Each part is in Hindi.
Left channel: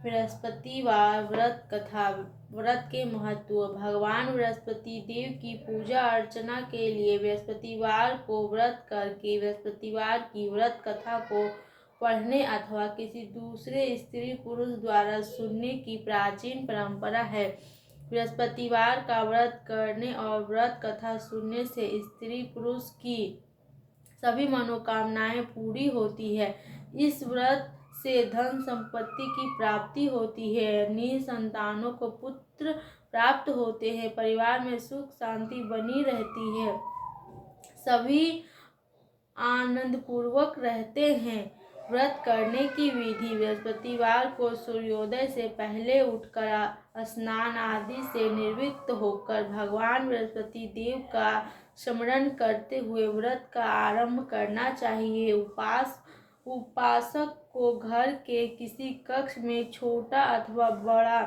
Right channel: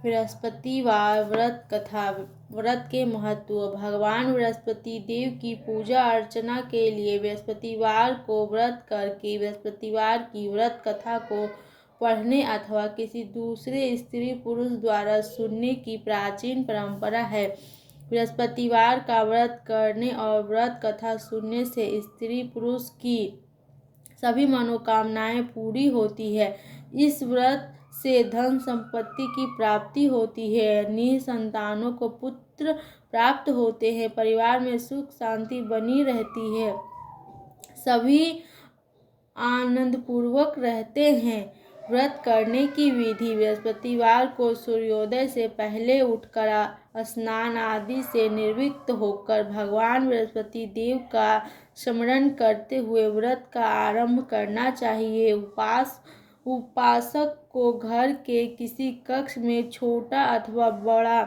बृहस्पतिवार व्रत कथा। व्रत के महत्व। भगवान बृहस्पति देव की पूजा अर्चना के लिए बृहस्पतिवार को व्रत करके बृहस्पतिवार की व्रत कथा को पढ़ने अथवा किसी दूसरे स्त्री पुरुष द्वारा सुनने की प्राचीन परंपरा है। बृहस्पतिवार का व्रत करने और व्रत कथा सुनने से स्त्री पुरुष की सभी मनोकामनाएं पूरी होती है। इस व्रत से धन संपत्ति की प्राप्ति होती है, निसंतानों को पुत्र प्राप्त होते हैं, परिवार में सुख शांति बनी रहती है, सभी आनंदपूर्वक रहते हैं। व्रत करने की विधि। बृहस्पतिवार को सूर्योदय से पहले उठकर स्नान आदि से निवृत्त होकर भगवान बृहस्पति देव का स्मरण करते हुए व्रत का आरंभ करना चाहिए। उपासक को घर के किसी कक्ष में छोटा अथवा बड़ा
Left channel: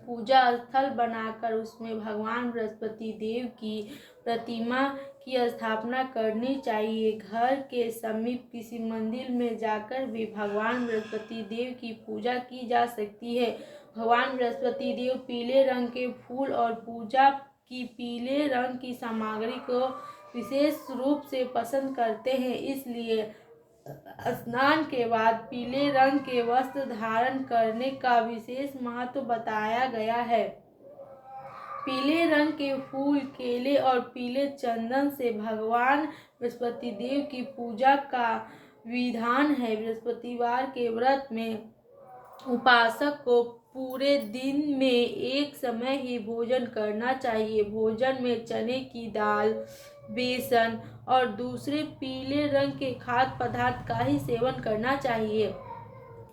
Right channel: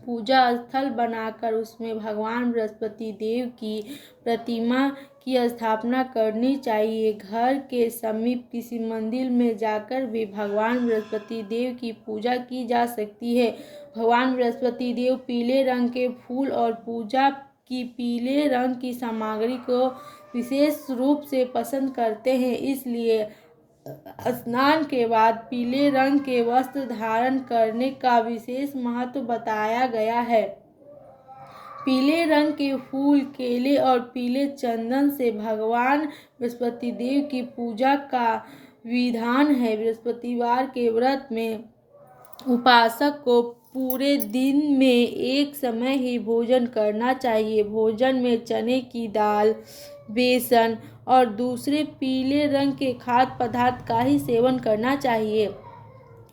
पूजा स्थल बनाकर उसमें भगवान बृहस्पति देव की प्रतिमा की स्थापना करनी चाहिए। घर के समीप किसी मंदिर में जाकर भी भगवान बृहस्पति देव की पूजा की जा सकती है। भगवान बृहस्पति देव पीले रंग के फूल और पूजा की पीले रंग की सामग्री को विशेष रूप से पसंद करते हैं, इसलिए स्नान के बाद पीले रंग के वस्त्र धारण करने का विशेष महत्व बताया गया है। पीले रंग के फूल, केले और पीले चंदन से भगवान बृहस्पति देव की पूजा का विधान है। बृहस्पतिवार के व्रत में उपासक को पूरे दिन में एक समय ही भोजन करना चाहिए। भोजन में चने की दाल, बेसन और दूसरे पीले रंग के खाद्य पदार्थ का ही सेवन करना चाहिए।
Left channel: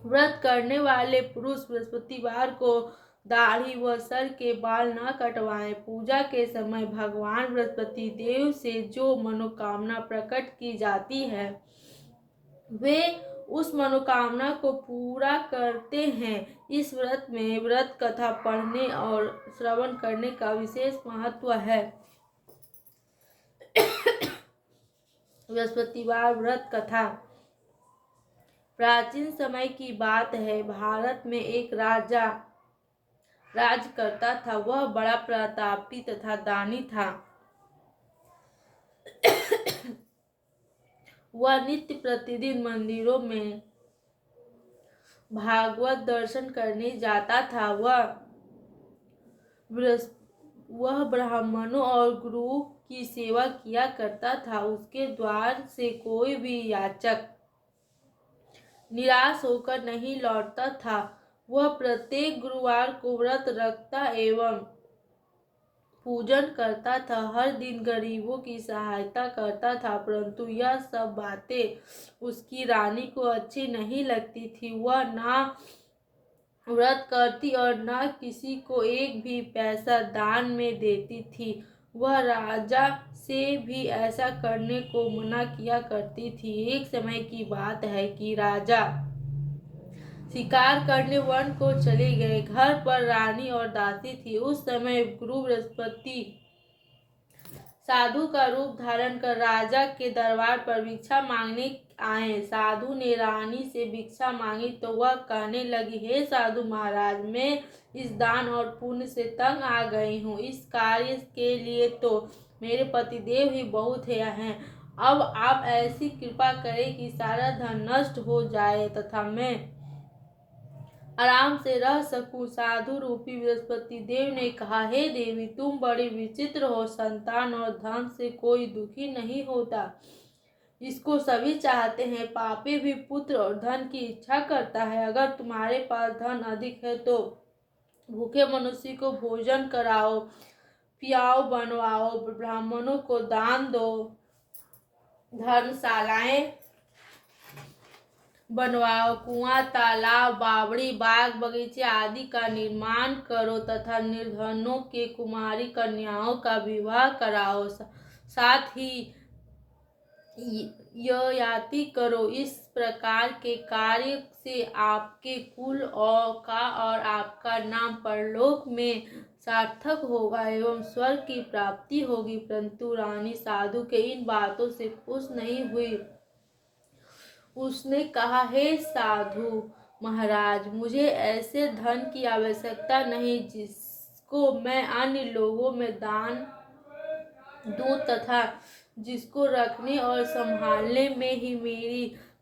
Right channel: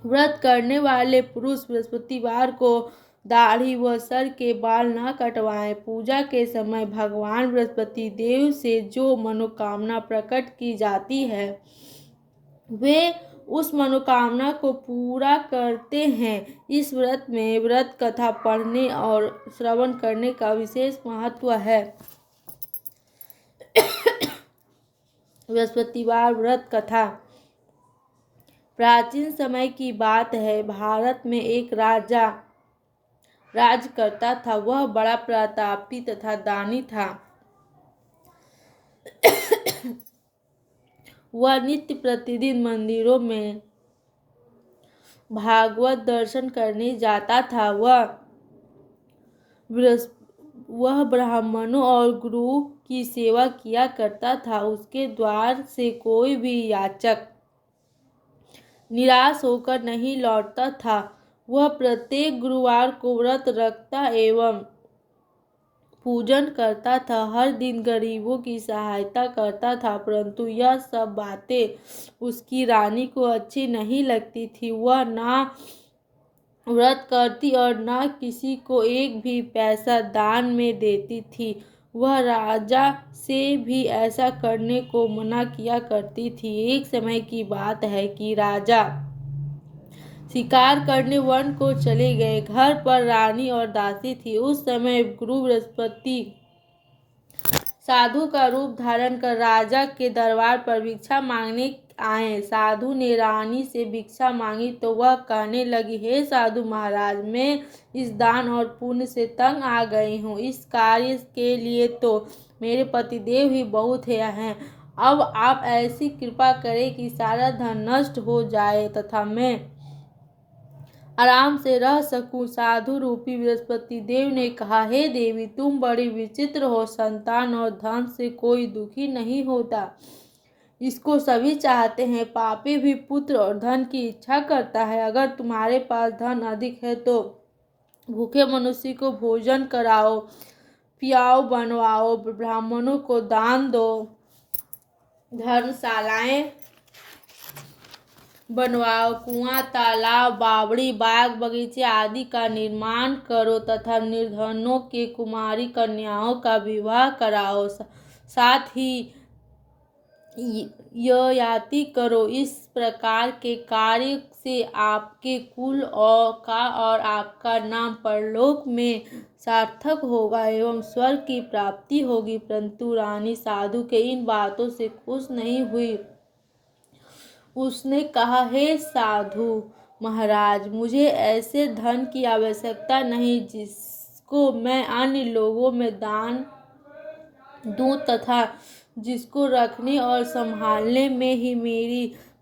व्रत करने वाले पुरुष बृहस्पतिवार को दाढ़ी व सर के बाल न कटवाएं। पूजा के समय भगवान बृहस्पति देव से जो मनोकामना प्रकट की जाती है वे उस मनोकामना को पूरा करते हैं। इस व्रत में व्रत कथा पढ़ने और श्रवण करने का विशेष महत्व है। बृहस्पतिवार व्रत कथा। प्राचीन समय की बात है। भारत में एक राजा राज करता था। वह बड़ा प्रतापी तथा दानी था। वह नित्य प्रतिदिन मंदिरों में भागवत दर्शन करने जाता था। वह ब्राह्मणों और गुरु की सेवा किया करता था। उसके द्वार से कोई भी याचक निराश होकर नहीं लौटता था। वह प्रत्येक गुरुवार को व्रत रखता एवं पूजन करता था। हर दिन गरीबों की सहायता करता था, परंतु यह सब बातें उसकी रानी को अच्छी नहीं लगती थी। वह ना व्रत करती और न किसी को एक भी पैसा दान में देती थी। वह राजा से भी ऐसा करने को मना किया करती थी। एक समय की बात है कि राजा शिकार करने वन को चले गए। घर पर रानी और दासी थी। उस समय गुरु बृहस्पति साधु का रूप धारण कर राजा के दरबार पर भिक्षा मांगने आए। साधु ने रानी से भिक्षा मांगी तो वह कहने लगी, हे साधु महाराज, मैं इस दान और पुण्य से तंग आ गई हूँ। इस कार्य के लिए तो मेरे पतिदेव ही बहुत हैं। अब आप ऐसी कृपा करें कि सारा धन नष्ट हो जाए तथा मैं आराम से रह सकूं। साधु रूपी बृहस्पति देव ने कहा, हे देवी, तुम बड़ी विचित्र हो। संतान और धन से कोई दुखी नहीं होता, इसको सभी चाहते हैं। पापी भी पुत्र और धन की इच्छा करता है। अगर तुम्हारे पास धन अधिक है तो भूखे मनुष्य को भोजन कराओ, पियाओ, बनवाओ, ब्राह्मणों को दान दो, धर्मशालाएं बनवाओ, कुआं, तालाब, बावड़ी, बाग बगीचे आदि का निर्माण करो तथा निर्धनों के कुमारी कन्याओं का विवाह कराओ। साथ ही ययाति करो। इस प्रकार के कार्य से आपके कुल और आपका नाम परलोक में सार्थक होगा एवं स्वर्ग की प्राप्ति होगी। परंतु रानी साधु के इन बातों से खुश नहीं हुई। उसने कहा, हे साधु महाराज, मुझे ऐसे धन की आवश्यकता नहीं जिसको मैं अन्य लोगों में दान दूं तथा जिसको रखने और संभालने में ही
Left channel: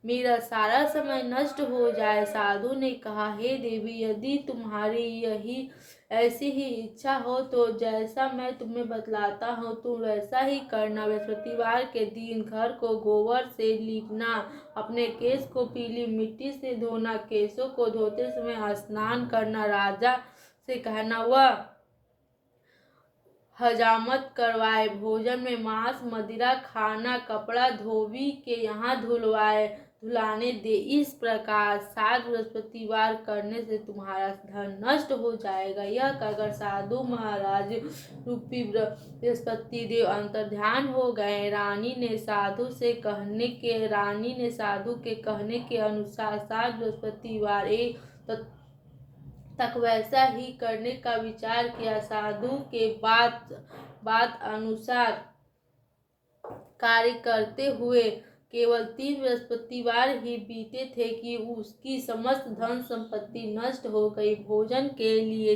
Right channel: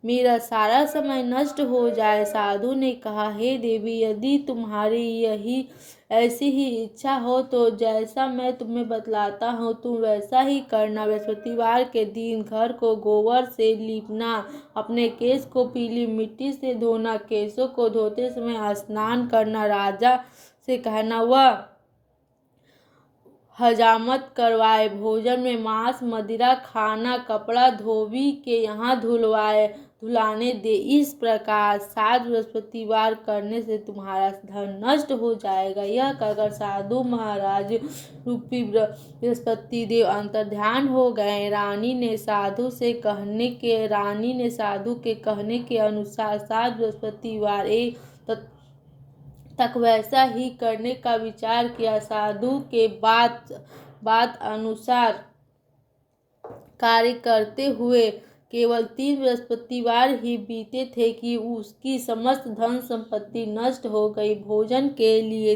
मेरा सारा समय नष्ट हो जाए। साधु ने कहा, हे देवी, यदि तुम्हारी यही ऐसी ही इच्छा हो तो जैसा मैं तुम्हें बतलाता हूँ तुम वैसा ही करना। बृहस्पतिवार के दिन घर को गोबर से लीपना, अपने केस को पीली मिट्टी से धोना, केसों को धोते समय स्नान करना, राजा से कहना वह हजामत करवाए, भोजन में मांस मदिरा खाना, कपड़ा धोबी के यहाँ धुलाने दे। इस प्रकार 7 बृहस्पतिवार करने से तुम्हारा धन नष्ट हो जाएगा। यह कहकर साधु महाराज रूपी बृहस्पति देव अंतर्ध्यान हो गए। रानी ने साधु के कहने के अनुसार 7 बृहस्पतिवार तक वैसा ही करने का विचार किया। साधु के बात अनुसार कार्य करते हुए केवल 3 बृहस्पतिवार ही बीते थे कि उसकी समस्त धन संपत्ति नष्ट हो गई। भोजन के लिए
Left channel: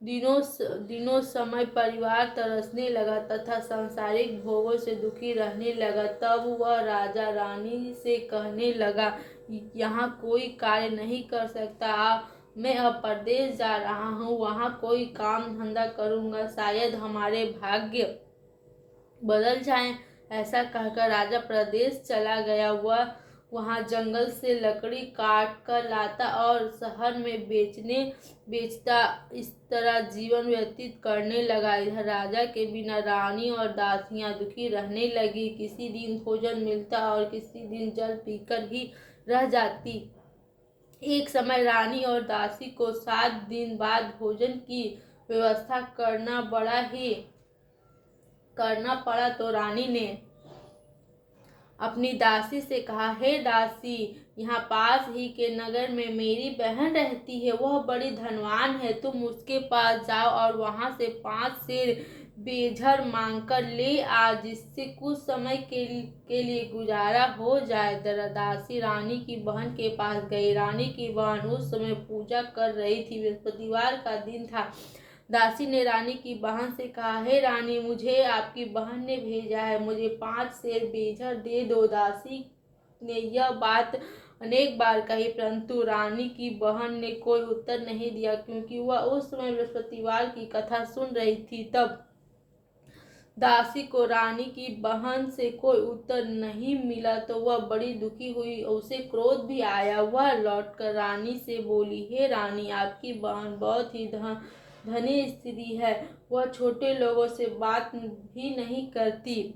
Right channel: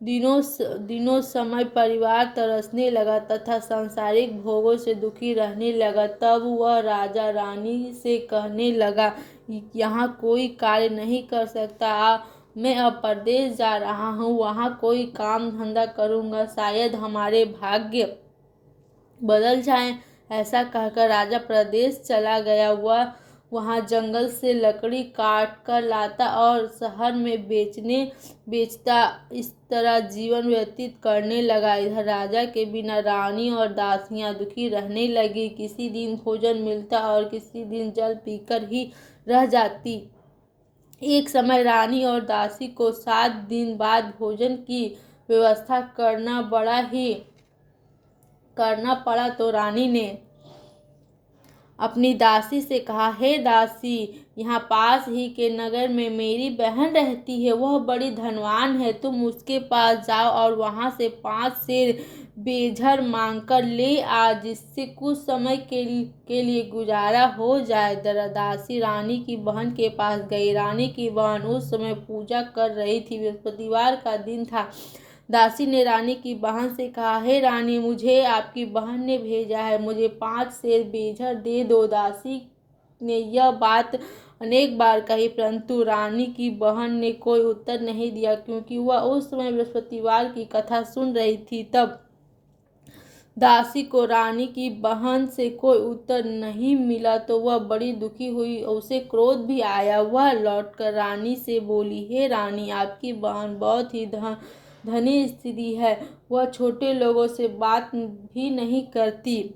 दिनों समय परिवार तरसने लगा तथा सांसारिक भोगों से दुखी रहने लगा। तब वह राजा रानी से कहने लगा, यहाँ कोई कार्य नहीं कर सकता, मैं अब परदेश जा रहा हूँ, वहाँ कोई काम धंधा करूँगा, शायद हमारे भाग्य बदल जाएं। ऐसा कहकर राजा प्रदेश चला गया। वह वहाँ जंगल से लकड़ी काट कर लाता और शहर में बेचता। इस तरह जीवन व्यतीत करने लगा। इधर राजा के बिना रानी और दासियां दुखी रहने लगी। किसी दिन भोजन मिलता और किसी दिन जल पीकर ही रह जाती। एक समय रानी और दासी को 7 दिन बाद भोजन की व्यवस्था करना पड़ा तो रानी ने अपनी दासी से कहा, हे दासी, यहाँ पास ही के नगर में मेरी बहन रहती है, वह बड़ी धनवान है, तुम उसके पास जाओ और वहाँ से 5 सेर बेझर मांगकर ले आ, जिससे कुछ समय के लिए गुजारा हो जाए। दासी रानी की बहन के पास गई। रानी की बहन उस समय पूजा कर रही थी। बृहस्पतिवार का दिन था। दासी ने रानी की बहन से कहा, हे रानी, मुझे आपकी बहन ने भेजा है, मुझे 5 सेर बेझर दे दो। दासी ने यह बात अनेक बार कही, परंतु रानी की बहन ने कोई उत्तर नहीं दिया, क्योंकि वह उस समय बृहस्पतिवार की कथा सुन रही थी। तब दासी को रानी की बहन से कोई उत्तर नहीं मिला तो वह बड़ी दुखी हुई। उसे क्रोध भी आया। वह लौटकर रानी से बोली, हे रानी, आपकी बहन बहुत ही धनी स्त्री है, वह छोटे लोगों से बात भी नहीं करती।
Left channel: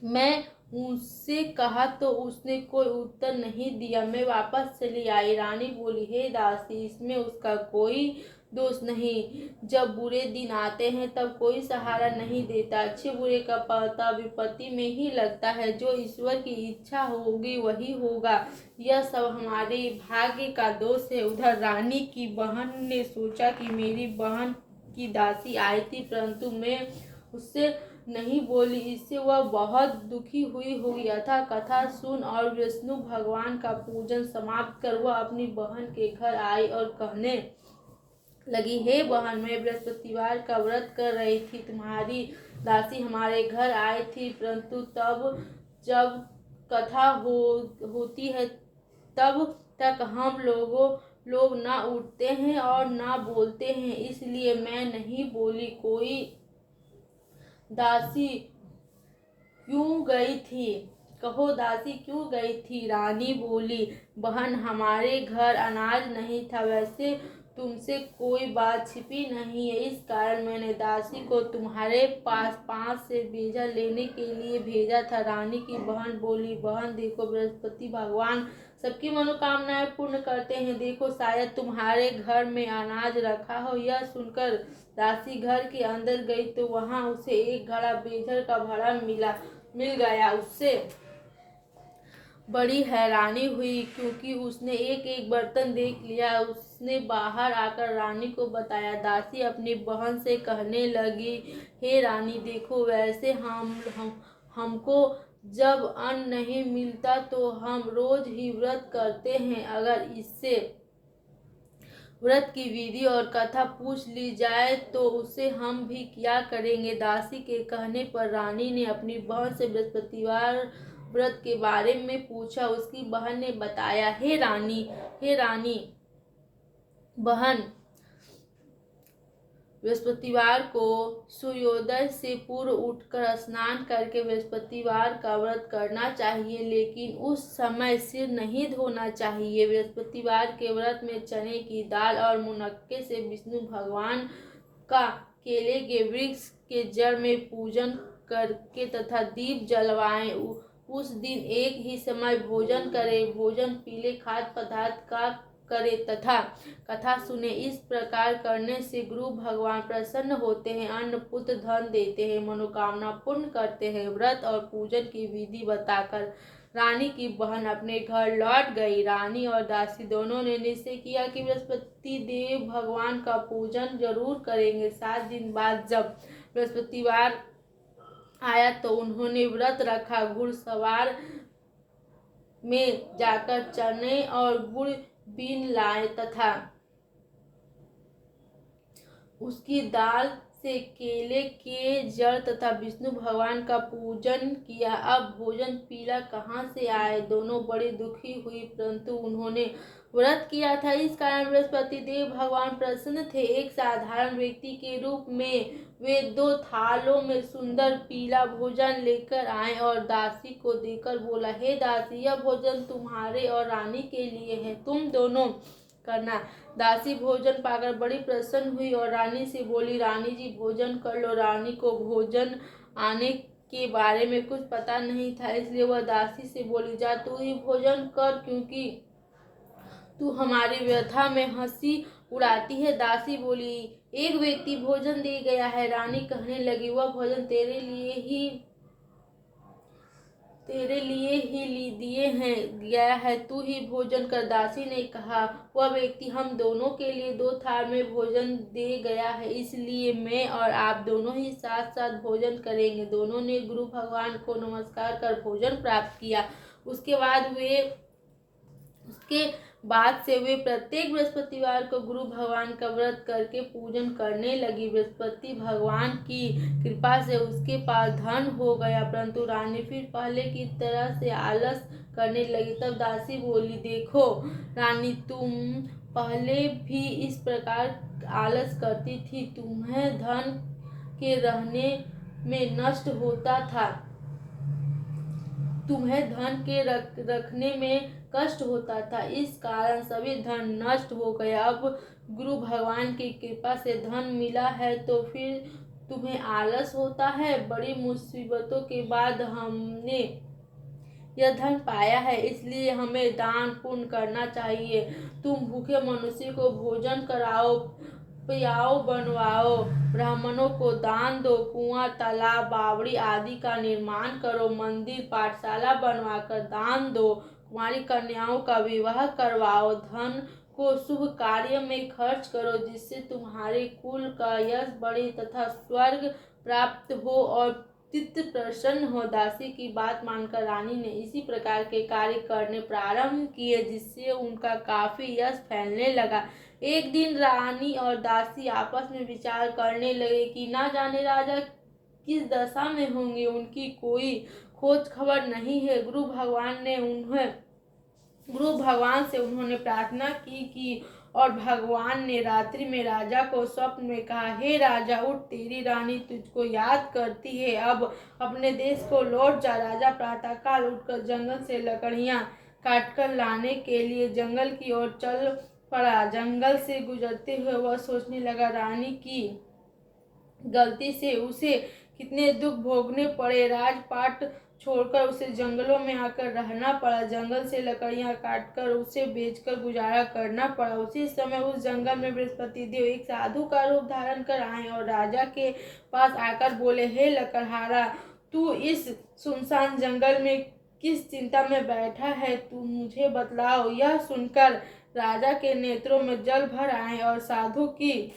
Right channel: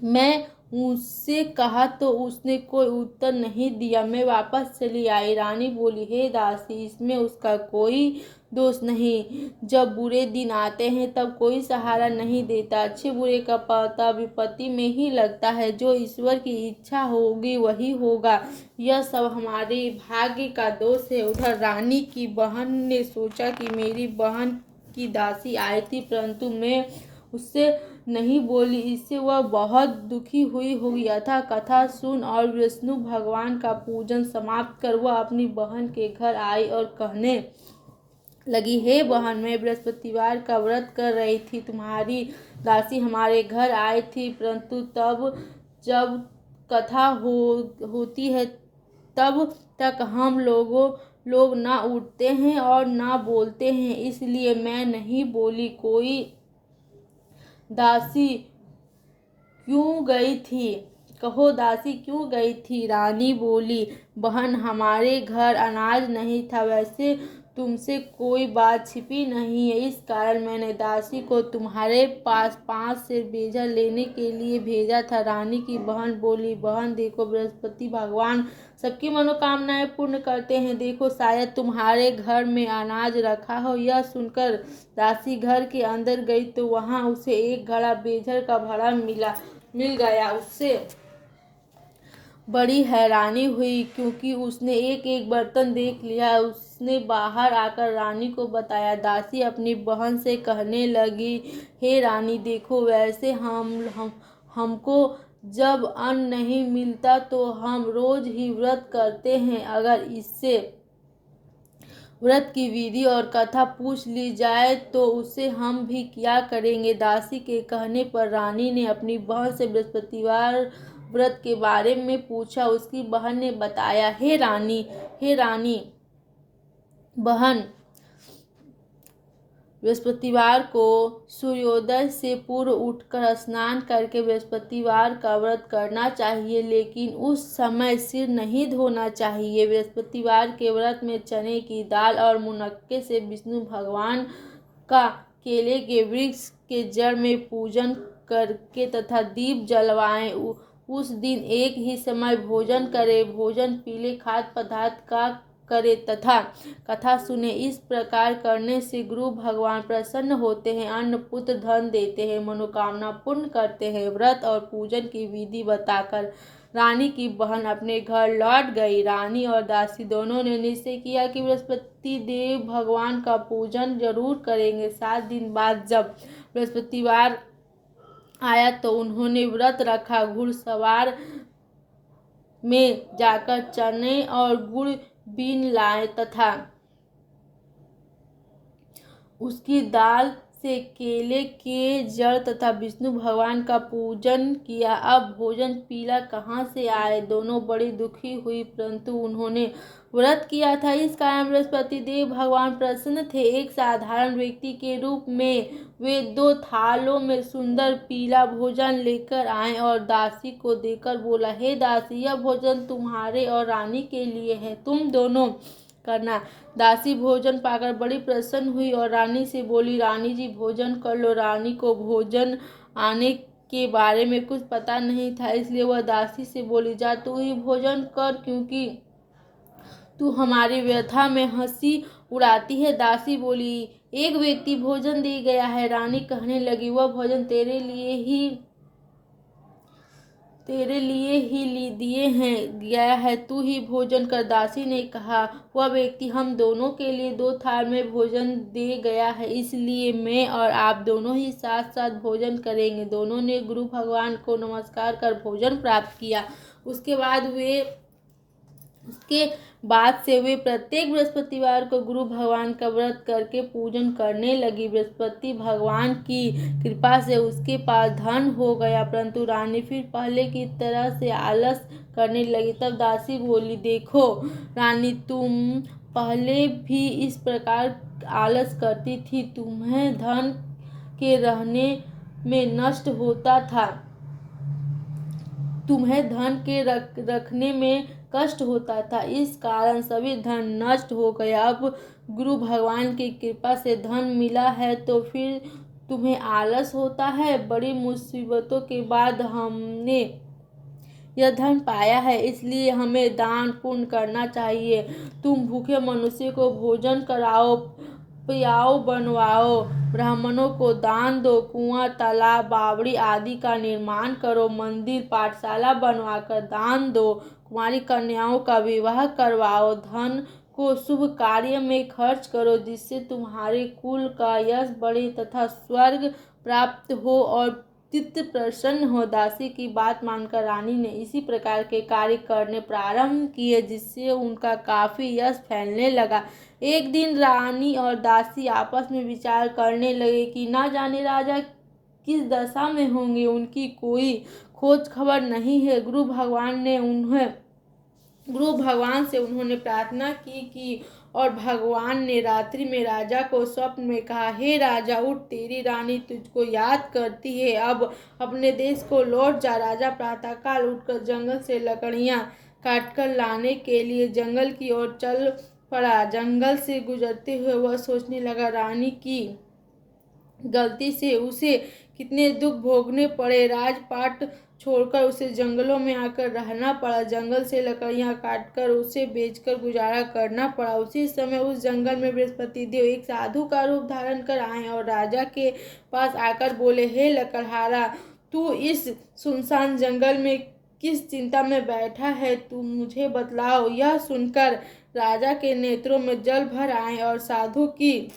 मैं उससे कहा तो उसने कोई उत्तर नहीं दिया, मैं वापस चली आई। रानी बोली, हे दासी, इसमें उसका कोई दोष नहीं। जब बुरे दिन आते हैं तब कोई सहारा नहीं देता। अच्छे बुरे का पता विपत्ति में ही लगता है। जो ईश्वर की इच्छा होगी वही होगा। यह सब हमारे भाग्य का दोष है। उधर रानी की बहन ने सोचा कि मेरी बहन की दासी आई थी, परंतु मैं उससे नहीं बोली, इससे वह बहुत दुखी हुई होगी। अतः कथा सुन और विष्णु भगवान का पूजन समाप्त कर वह अपनी बहन के घर आई और कहने लगी, हे बहन, मैं बृहस्पतिवार का व्रत कर रही थी, तुम्हारी दासी हमारे घर आई थी, परंतु तब जब कथा होती है तब तक हम लोग ना उठते हैं और ना बोलते हैं, इसलिए मैं नहीं बोली। कोई दासी क्यों गई थी? कहो, दासी क्यों गई थी? रानी बोली, बहन, हमारे घर अनाज नहीं था, वैसे तुमसे कोई बात छिपी नहीं है, इस कारण मैंने दासी को तुम्हारे पास 5 सेर बेझर लेने के लिए भेजा था। रानी की बहन बोली, बहन देखो, बृहस्पति भगवान सबकी मनोकामनाएं पूर्ण करते हैं, देखो शायद तुम्हारे घर में अनाज रखा हो। यह सुनकर दासी घर के अंदर गई तो वहां उसे एक घड़ा बेझर का भरा मिल गया। उससे बड़ी हैरानी हुई, क्योंकि उसने एक एक बर्तन देख लिया। उसने बाहर आकर रानी को बताया। दासी अपनी बहन से कहने लगी, हे रानी, देखो, वैसे हमको जब अन्न नहीं मिलता तो हम रोज ही व्रत करते हैं। अगर इससे व्रत की विधि और कथा पूछ ली जाए तो उसे हम भी किया करेंगे। दासी के कहने पर रानी ने अपनी बहन से बृहस्पतिवार व्रत के बारे में पूछा। उसकी बहन ने बताया, हे रानी बहन, बृहस्पतिवार को सूर्योदय से पूर्व उठकर स्नान करके बृहस्पतिवार का व्रत करना चाहिए, लेकिन उस समय सिर नहीं धोना चाहिए। बृहस्पतिवार के व्रत में चने की दाल और मुनक्के से विष्णु भगवान का केले के वृक्ष के जड़ में पूजन करके तथा दीप जलवाएं। उस दिन एक ही समय भोजन करें। भोजन पीले खाद्य पदार्थ का करे तथा कथा सुने। इस प्रकार करने से गुरु भगवान प्रसन्न होते हैं, अन्न पुत्र धन देते हैं, मनोकामना पूर्ण करते हैं। व्रत और पूजन की विधि बताकर रानी की बहन अपने घर लौट गई। रानी और दासी दोनों ने निश्चय किया कि बृहस्पति देव भगवान का पूजन जरूर करेंगे। 7 दिन बाद जब बृहस्पतिवार आया तो उन्होंने व्रत रखा। घुड़सवार में जाकर चने और गुड़ बीन लाए तथा उसकी दाल से केले के जड़ तथा विष्णु भगवान का पूजन किया। अब भोजन पीला कहाँ से आए? दोनों बड़ी दुखी हुई, परंतु उन्होंने व्रत किया था, इस कारण बृहस्पति देव भगवान प्रसन्न थे। एक साधारण व्यक्ति के रूप में वे 2 थालों में सुंदर पीला भोजन लेकर आए और दासी को देकर बोला, हे दासी, यह भोजन तुम्हारे और रानी के लिए है, तुम दोनों करना। दासी भोजन पाकर बड़ी प्रसन्न हुई और रानी से बोली, रानी जी भोजन कर लो। रानी को भोजन आने के बारे में कुछ पता नहीं था, इसलिए वह दासी से बोली, जा तू ही भोजन कर, क्योंकि तू हमारी व्यथा में हंसी उड़ाती है। दासी बोली, एक व्यक्ति भोजन दे गया है। रानी कहने लगी, वह भोजन तेरे लिए ही गया है, तू ही भोजन कर। दासी ने कहा, वह व्यक्ति हम दोनों के लिए 2 थाल में भोजन दे गया है, इसलिए मैं और आप दोनों ही साथ साथ भोजन करेंगे। दोनों ने गुरु भगवान को नमस्कार कर भोजन प्राप्त किया। उसके बाद से वे प्रत्येक बृहस्पतिवार को गुरु भगवान का व्रत करके पूजन करने लगी। बृहस्पति भगवान की कृपा से उसके पास धन हो गया, परंतु रानी फिर पहले की तरह से आलस करने लगी। तब दासी बोली, देखो रानी, तुम पहले भी इस प्रकार आलस करती थी, तुम्हें धन के रहने में नष्ट होता था, तुम्हें धन के रखने में कष्ट होता था, इस कारण सभी धन नष्ट हो गया। अब गुरु भगवान की कृपा से धन मिला है तो फिर तुम्हें आलस होता है। बड़ी मुसीबतों के बाद हमने यह धन पाया है, इसलिए हमें दान पुण्य करना चाहिए। तुम भूखे मनुष्य को भोजन कराओ, पियाओ, बनवाओ, ब्राह्मणों को दान दो, कुआं, तालाब, बावड़ी आदि का निर्माण करो, मंदिर, पाठशाला बनवाकर दान दो, कुंवारी कन्याओं का विवाह करवाओ, धन को शुभ कार्य में खर्च करो, जिससे तुम्हारे कुल का यश बढ़े तथा स्वर्ग प्राप्त हो और चित्त प्रसन्न हो। दासी की बात मानकर रानी ने इसी प्रकार के कार्य करने प्रारंभ किए, जिससे उनका काफी यश फैलने लगा। एक दिन रानी और दासी आपस में विचार करने लगे कि ना जाने राजा किस दशा में होंगे, उनकी कोई खोज खबर नहीं है। गुरु भगवान से उन्होंने प्रार्थना की और भगवान ने रात्रि में राजा को स्वप्न में कहा, हे राजा, उठ, तेरी रानी तुझको याद करती है, अब अपने देश को लौट जा। राजा प्रातःकाल उठकर जंगल से लकड़ियां काटकर लाने के लिए जंगल की ओर चल पड़ा। जंगल से गुजरते हुए वह सोचने लगा, रानी की गलती से उसे कितने दुख भोगने पड़े। राजपाट छोड़कर उसे जंगलों में आकर रहना पड़ा। जंगल से लकड़ियां काटकर उसे बेचकर गुजारा करना पड़ा। उसी समय उस जंगल में बृहस्पति देव एक साधु का रूप धारण कर आए और राजा के पास आकर बोले, हे लकड़हारा, तू इस सुनसान जंगल में किस चिंता में बैठा है, तू मुझे बतलाओ। यह सुनकर राजा के नेत्रों में जल भर आए और साधु की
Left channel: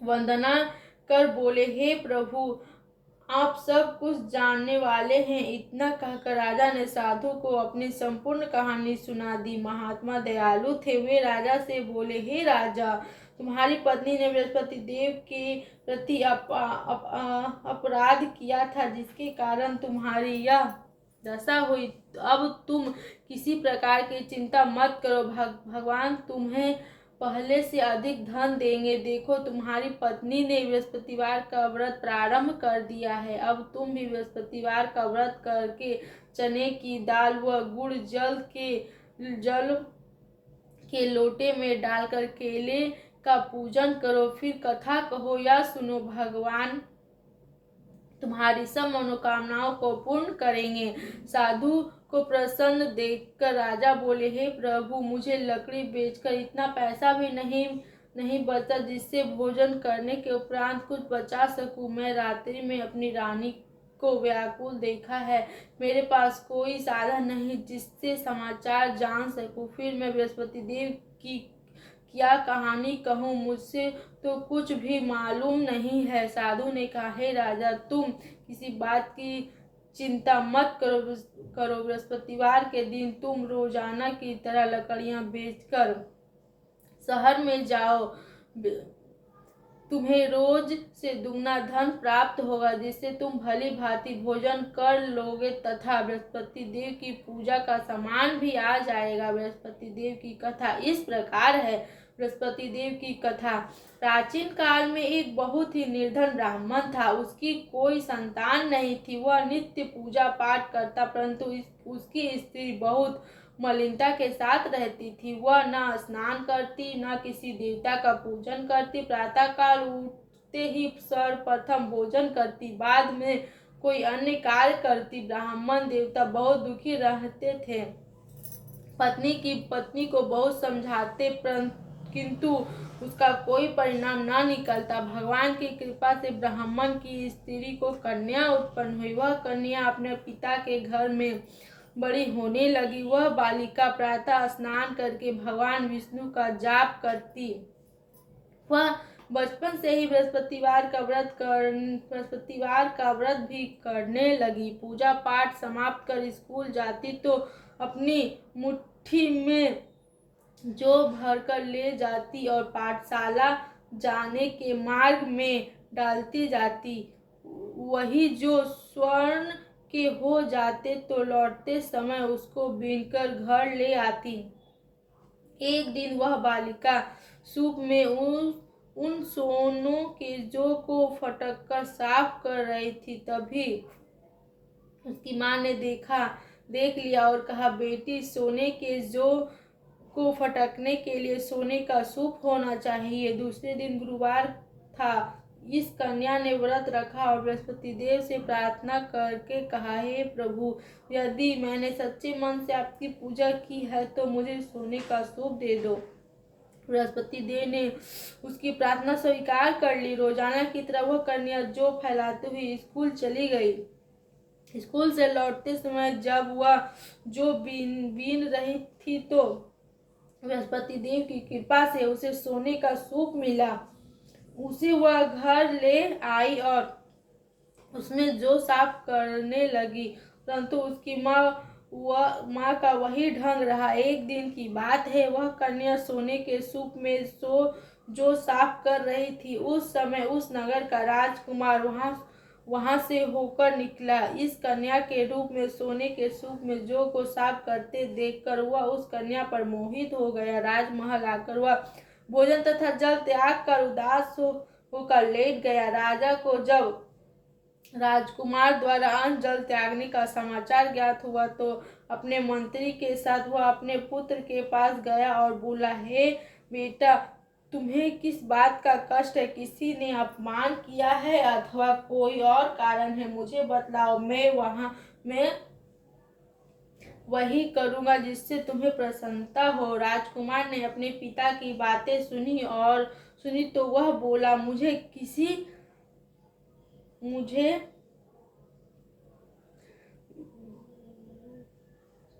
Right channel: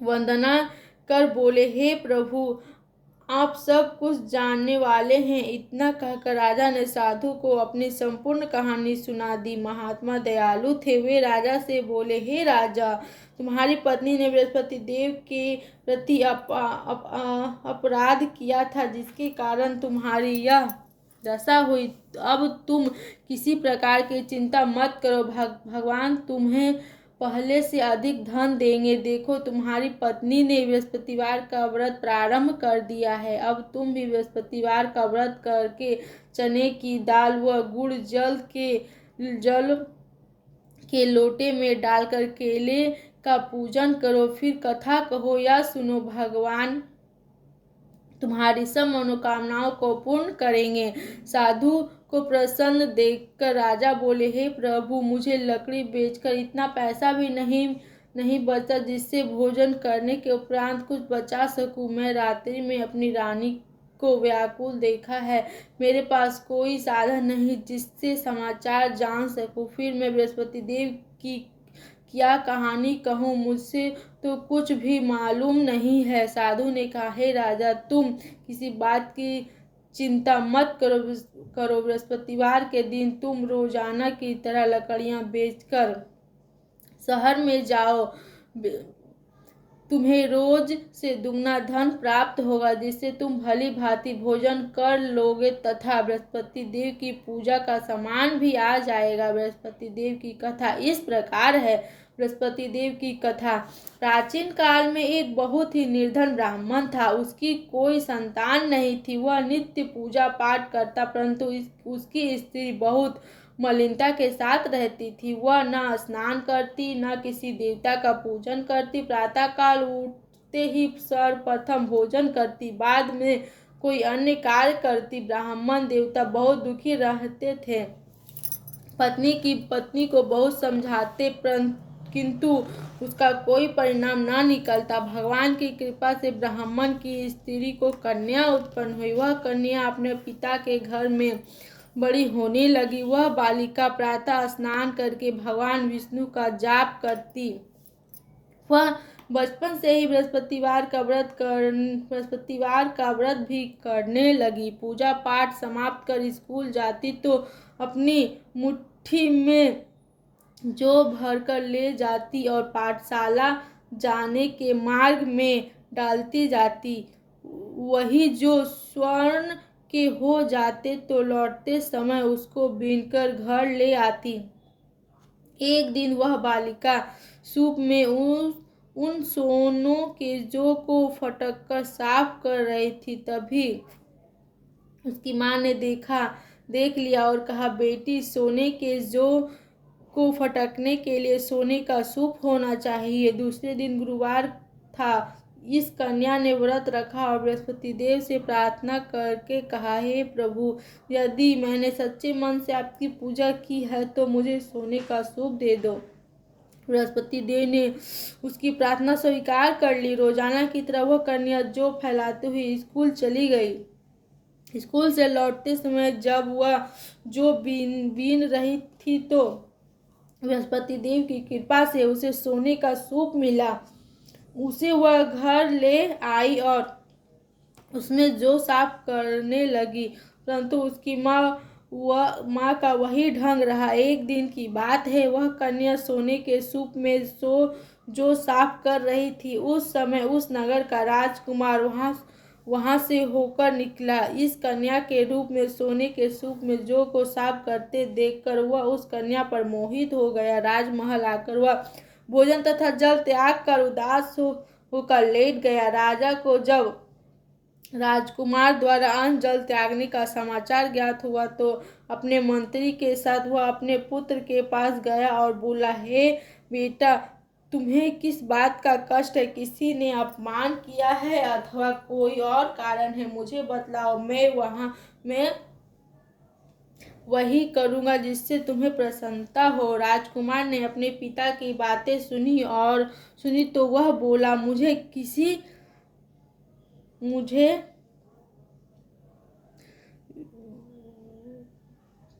वंदना कर बोले, हे प्रभु, आप सब कुछ जानने वाले हैं। इतना कहकर राजा ने साधु को अपनी संपूर्ण कहानी सुना दी। महात्मा दयालु थे, वे राजा से बोले, हे राजा, तुम्हारी पत्नी ने बृहस्पति देव के प्रति अपराध किया था, जिसके कारण तुम्हारी यह दशा हुई। अब तुम किसी प्रकार की चिंता मत करो, भगवान तुम्हें पहले से अधिक धन देंगे। देखो, तुम्हारी पत्नी ने बृहस्पतिवार का व्रत प्रारंभ कर दिया है। अब तुम भी बृहस्पतिवार का व्रत करके चने की दाल व गुड़ जल के लोटे में डालकर केले का पूजन करो, फिर कथा कहो या सुनो। भगवान तुम्हारी सब मनोकामनाओं को पूर्ण करेंगे। साधु को प्रसन्न देखकर राजा बोले, हे प्रभु, मुझे लकड़ी बेचकर इतना पैसा भी नहीं बचा जिससे भोजन करने के उपरांत कुछ बचा सकूं। मैं रात्रि में अपनी रानी को व्याकुल देखा है। मेरे पास कोई साधन नहीं जिससे समाचार जान सकूं। फिर मैं बृहस्पति देव की क्या कहानी कहूँ, मुझसे तो कुछ भी मालूम नहीं है। साधु ने कहा, हे राजा, तुम किसी बात की चिंता मत करो। बृहस्पतिवार के दिन तुम रोजाना की तरह लकड़ियां बेचकर शहर में जाओ। तुम्हें रोज से दुगना धन प्राप्त होगा, जिससे तुम भली भांति भोजन कर लोगे तथा बृहस्पति देव की पूजा का सामान भी आ जाएगा। बृहस्पति देव की कथा इस प्रकार है। बृहस्पति देव की कथा। प्राचीन काल में एक बहुत ही निर्धन ब्राह्मण था। उसकी कोई संतान नहीं थी। वह नित्य पूजा पाठ करता, परंतु उसकी स्त्री बहुत मलिनता के साथ रहती थी। वह न स्नान करती, न किसी देवता का पूजन करती। प्रातः काल उठते ही सर्वप्रथम भोजन करती, बाद में कोई अन्य कार्य करती। ब्राह्मण देवता बहुत दुखी रहते थे। पत्नी को बहुत समझाते, किंतु उसका कोई परिणाम न निकलता। भगवान की कृपा से ब्राह्मण की स्त्री को कन्या उत्पन्न हुई। वह कन्या अपने पिता के घर में बड़ी होने लगी। वह बालिका प्रातः स्नान करके भगवान विष्णु का जाप करती। वह बचपन से ही बृहस्पतिवार का व्रत भी करने लगी। पूजा पाठ समाप्त कर स्कूल जाती तो अपनी मुट्ठी में जो भरकर ले जाती और पाठशाला जाने के मार्ग में डालती जाती। वही जो स्वर्ण के हो जाते तो लौटते समय उसको बीनकर घर ले आती। एक दिन वह बालिका सूप में उन सोनों के जो को फटक साफ कर रही थी। तभी उसकी माँ ने देख लिया और कहा, बेटी, सोने के जो को फटकने के लिए सोने का सूप होना चाहिए। दूसरे दिन गुरुवार था। इस कन्या ने व्रत रखा और बृहस्पति देव से प्रार्थना करके कहा, हे प्रभु, यदि मैंने सच्चे मन से आपकी पूजा की है तो मुझे सोने का सूप दे दो। बृहस्पति देव ने उसकी प्रार्थना स्वीकार कर ली। रोजाना की तरह वह कन्या जो फैलाते हुए स्कूल चली गई। स्कूल से लौटते समय जब वह जो बीन रही थी तो बृहस्पति देव की कृपा से उसे सोने का सूप मिला। उसे वह घर ले आई और उसमें जो साफ करने लगी, परंतु उसकी माँ का वही ढंग रहा। एक दिन की बात है, वह कन्या सोने के सूप में जो साफ कर रही थी। उस समय उस नगर का राजकुमार वहां से होकर निकला। इस कन्या के रूप में सोने के सूप में जो को साफ करते देखकर वह उस कन्या पर मोहित हो गया। राजमहल आकर वह भोजन तथा जल त्याग कर उदास होकर लेट गया। राजा को जब राजकुमार द्वारा अन्न जल त्यागने का समाचार ज्ञात हुआ तो अपने मंत्री के साथ वह अपने पुत्र के पास गया और बोला, हे बेटा, तुम्हें किस बात का कष्ट है? किसी ने अपमान किया है अथवा कोई और कारण है? मुझे बतलाओ, मैं वही करूँगा जिससे तुम्हें प्रसन्नता हो। राजकुमार ने अपने पिता की बातें सुनी तो वह बोला, मुझे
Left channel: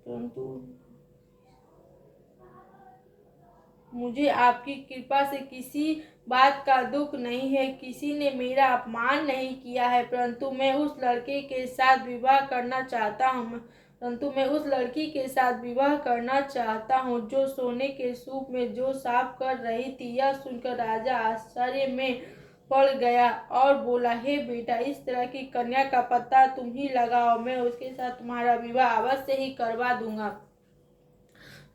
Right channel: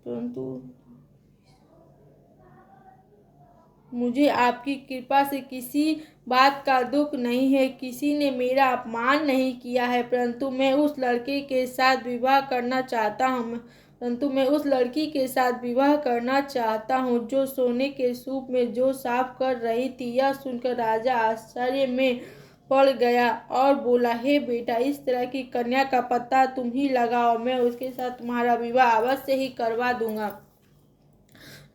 परंतु मुझे आपकी कृपा से किसी बात का दुख नहीं है, किसी ने मेरा अपमान नहीं किया है, परंतु मैं उस लड़के के साथ विवाह करना चाहता हूँ जो सोने के सूप में जो साफ कर रही थी। यह सुनकर राजा आश्चर्य में पड़ गया और बोला, हे बेटा, इस तरह की कन्या का पता तुम ही लगाओ, मैं उसके साथ तुम्हारा विवाह अवश्य ही करवा दूंगा।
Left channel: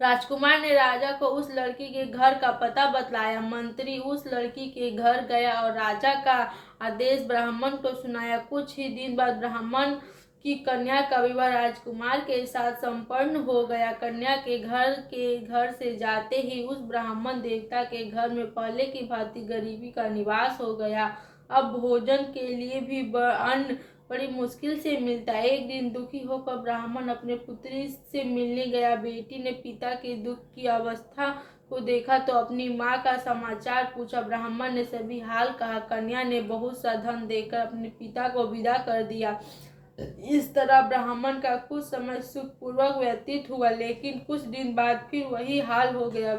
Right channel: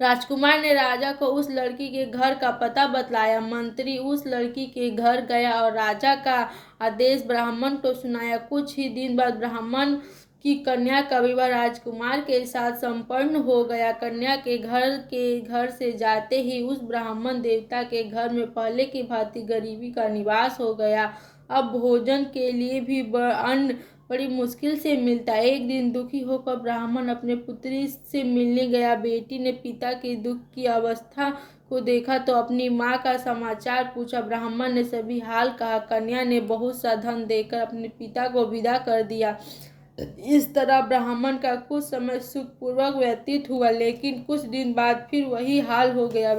राजकुमार ने राजा को उस लड़की के घर का पता बतलाया। मंत्री उस लड़की के घर गया और राजा का आदेश ब्राह्मण को सुनाया। कुछ ही दिन बाद ब्राह्मण की कन्या का विवाह राजकुमार के साथ संपन्न हो गया। कन्या के घर से जाते ही उस ब्राह्मण देवता के घर में पहले की भांति गरीबी का निवास हो गया। अब भोजन के लिए भी अन्न बड़ी मुश्किल से मिलता। एक दिन दुखी होकर ब्राह्मण अपने पुत्री से मिलने गया। बेटी ने पिता के दुख की अवस्था को देखा तो अपनी माँ का समाचार पूछा। ब्राह्मण ने सभी हाल कहा। कन्या ने बहुत सा धन देकर अपने पिता को विदा कर दिया। इस तरह ब्राह्मण का कुछ समय सुखपूर्वक व्यतीत हुआ, लेकिन कुछ दिन बाद फिर वही हाल हो गया।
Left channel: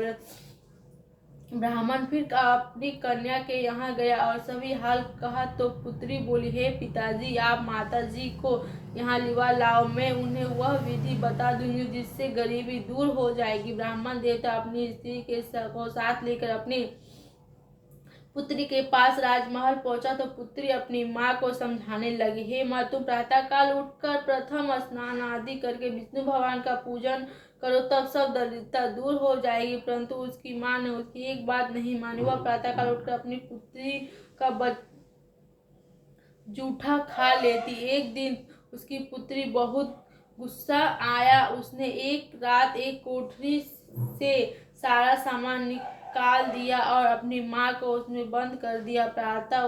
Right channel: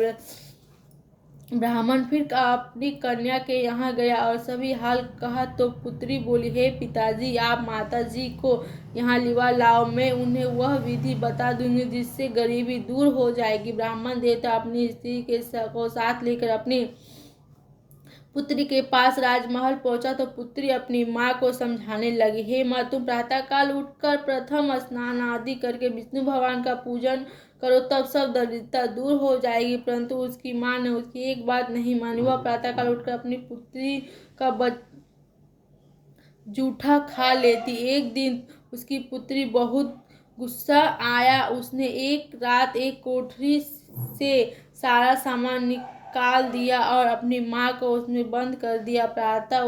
ब्राह्मण फिर अपनी कन्या के यहाँ गया और सभी हाल कहा तो पुत्री बोली, हे पिताजी, आप माता जी को यहाँ लिवा लाओ, मैं उन्हें वह विधि बता दूंगी जिससे गरीबी दूर हो जाएगी। ब्राह्मण देवता अपनी स्त्री को साथ लेकर अपनी पुत्री के पास राजमहल पहुंचा तो पुत्री अपनी माँ को समझाने लगी, हे माँ, तुम प्रातःकाल उठकर प्रथम स्नान आदि करके विष्णु भगवान का पूजन करो, तब सब दरिद्रता दूर हो जाएगी। परंतु उसकी माँ ने उसकी एक बात नहीं मानी। वह प्रातःकाल उठकर अपनी पुत्री का जूठा खा लेती। एक दिन उसकी पुत्री बहुत गुस्सा आया। उसने एक रात एक कोठरी से सारा सामान निकाल दिया और अपनी माँ को उसमें बंद कर दिया। प्रातः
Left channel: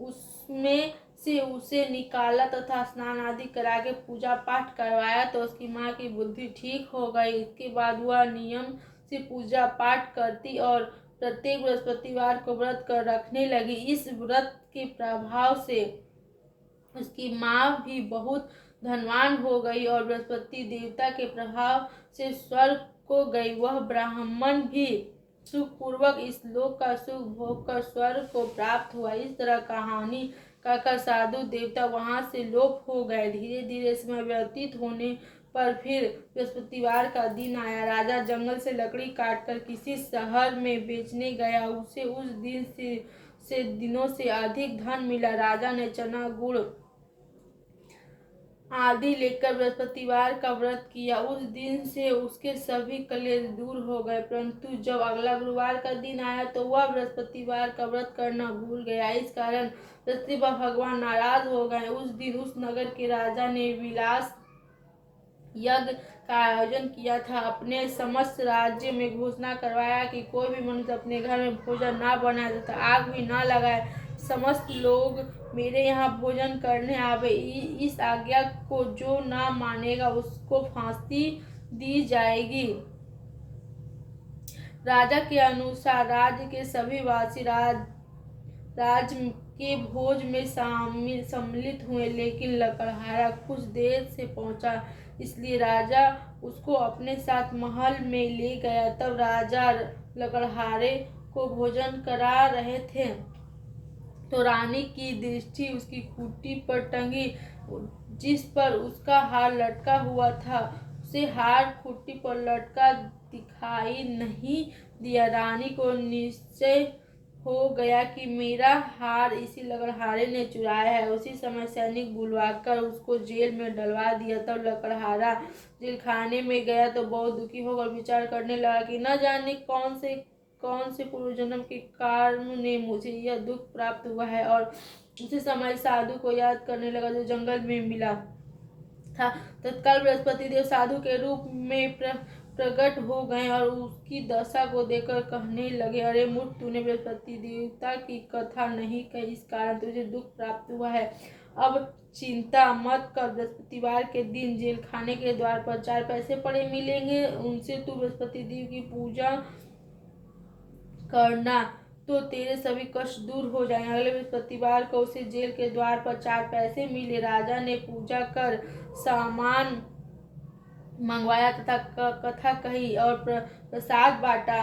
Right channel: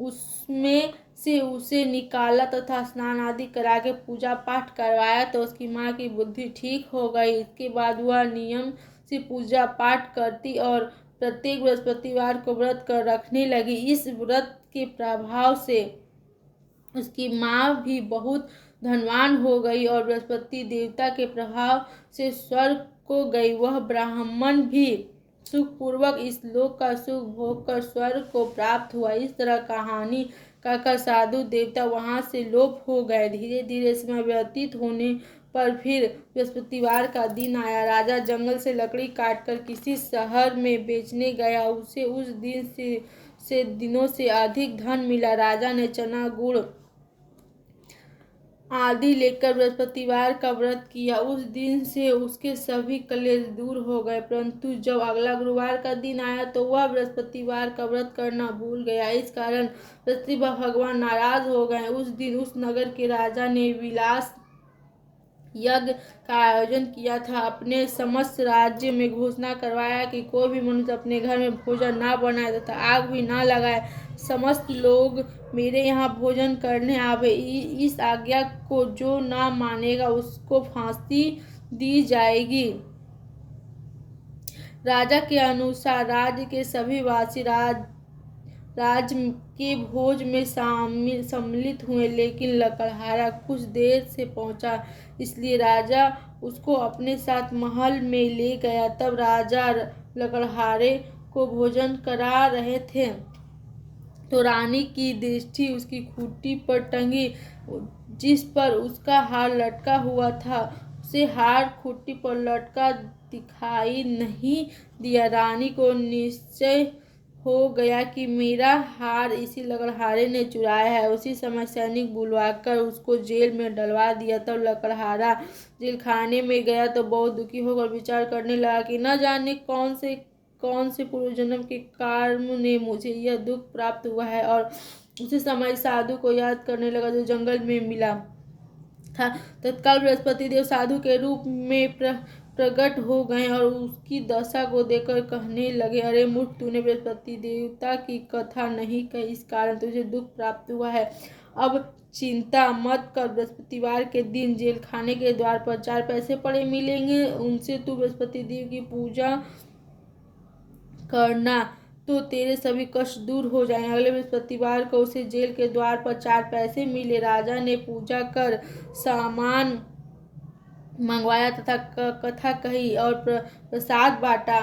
उसमें से उसे निकाला तथा स्नान आदि करा के पूजा पाठ करवाया तो उसकी माँ की बुद्धि ठीक हो गई। इसके बाद वह नियम से पूजा पाठ करती और प्रत्येक बृहस्पतिवार को व्रत कर रखने लगी। इस व्रत के प्रभाव से उसकी माँ भी बहुत धनवान हो गई और बृहस्पति देवता के प्रभाव से स्वर्ग को गई। वह ब्राह्मण भी सुखपूर्वक इस लोक का सुख भोग कर स्वर्ग को प्राप्त हुआ। इस तरह कहानी कहकर साधु देवता वहां से लोप हो गए। धीरे धीरे समय व्यतीत होने पर फिर बृहस्पतिवार का दिन आया। राजा जंगल से लकड़ी काटकर किसी शहर में बेचने गया। उसे उस दिन से दिनों से अधिक धन मिला। राजा ने चना गुड़ आदि लेकर बृहस्पतिवार का व्रत किया। उस दिन से उसके सभी कलेश दूर हो गए। परंतु जब अगला गुरुवार का दिन आया तो वह बृहस्पतिवार का व्रत करना भूल गया। इस कारण बृहस्पति भगवान नाराज हो गए। उस दिन उस नगर के राजा ने विलास यज्ञ का आयोजन किया था। अपने समस्त राज्य में घोषणा करवाया कि कोई भी मनुष्य अपने घर में भोजन ना बनाए तथा आग भी ना लगाए। समस्त लोग मेरे यहाँ भोजन करने आवे। इस आज्ञा को जो ना मानेगा उसको फांसी दी जाएगी। राजा के अनुसार राज्य के सभी वासी राज के भोज में सम्मिलित हुए, लेकिन लकड़हारा कुछ देर से पहुंचा, इसलिए राजा उसको अपने साथ महल में ले गया। तब राजा लकड़हारे को भोजन करा रहे थे तो रानी की दृष्टि उसकी खूंटी पर टंगी, जिस पर उसका हार लटका हुआ था। उसे हार खूंटी पर लटका दिखाई नहीं दिया। रानी को निश्चय हो गया कि मेरा हार इसी लकड़हारे ने चुराया है। उसी समय सैनिक बुलवाकर उसको जेल में डलवा दिया। तब लकड़हारा जेल खाने में गया तो बहुत दुखी होकर विचार करने लगा कि न जाने कौन से पूर्व जन्म के कर्म ने मुझे यह दुख प्राप्त हुआ है। और उसी समय साधु को याद करने लगा जो जंगल में मिला था। तत्काल बृहस्पति देव साधु के रूप में प्रकट हो गए और उसकी दशा को देखकर कहने लगे, अरे मूर्ख, तूने बृहस्पति देवता की कथा नहीं कही, इस कारण तुझे दुख प्राप्त हुआ है। अब चिंता मत कर। बृहस्पतिवार के दिन जेल खाने के द्वार पर 4 पैसे पड़े मिलेंगे, उनसे तू बृहस्पति देव की पूजा करना तो तेरे सभी कष्ट दूर हो जाएंगे। अगले बृहस्पतिवार को उसे जेल के द्वार पर 4 पैसे मिले। राजा ने पूजा कर सामान मंगवाया तथा कथा कही और प्रसाद बांटा।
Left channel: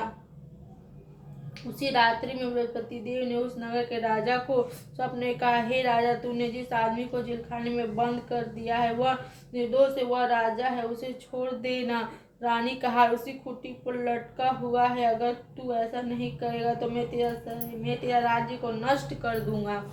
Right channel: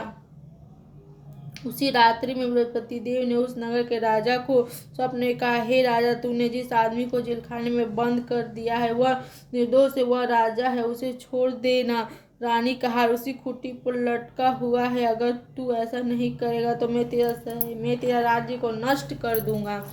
उसी रात्रि में बृहस्पति देव ने उस नगर के राजा को स्वप्न में कहा, हे राजा, तूने जिस आदमी को जेलखाने में बंद कर दिया है वह निर्दोष है, वह राजा है, उसे छोड़ देना। रानी कहा, उसी खूंटी पर लटका हुआ है, अगर तू ऐसा नहीं करेगा तो मैं तेरा राज्य को नष्ट कर दूंगा।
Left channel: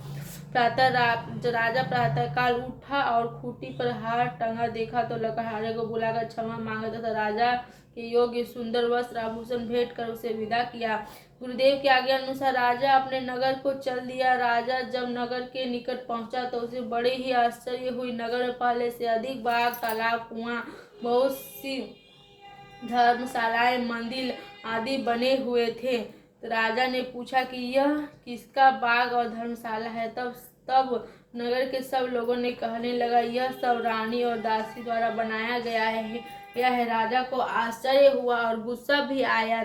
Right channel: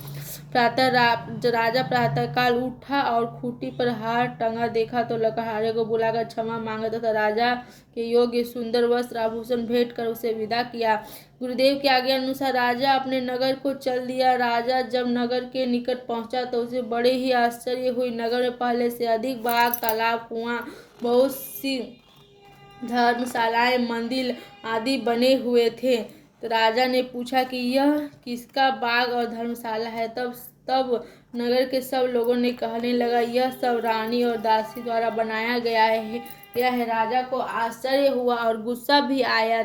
राजा प्रातःकाल उठा और खूंटी पर हार टंगा देखा तो लकड़हारे को बुलाकर क्षमा मांगा तथा राजा के योग्य सुंदर वस्त्र आभूषण भेंट कर उसे विदा किया। गुरुदेव के आज्ञा अनुसार राजा अपने नगर को चल दिया। राजा जब नगर के निकट पहुंचा तो उसे बड़े ही आश्चर्य हुई। नगर में पहले से अधिक बाग, तालाब, कुआं, बहुत सी धर्मशालाएं, मंदिर आदि बने हुए थे। तो राजा ने पूछा कि यह किसका बाग और धर्मशाला है। तब नगर के सब लोगों ने कहने लगा, यह सब रानी और दासी द्वारा बनाया गया है। यह राजा को आश्चर्य हुआ और गुस्सा भी आया।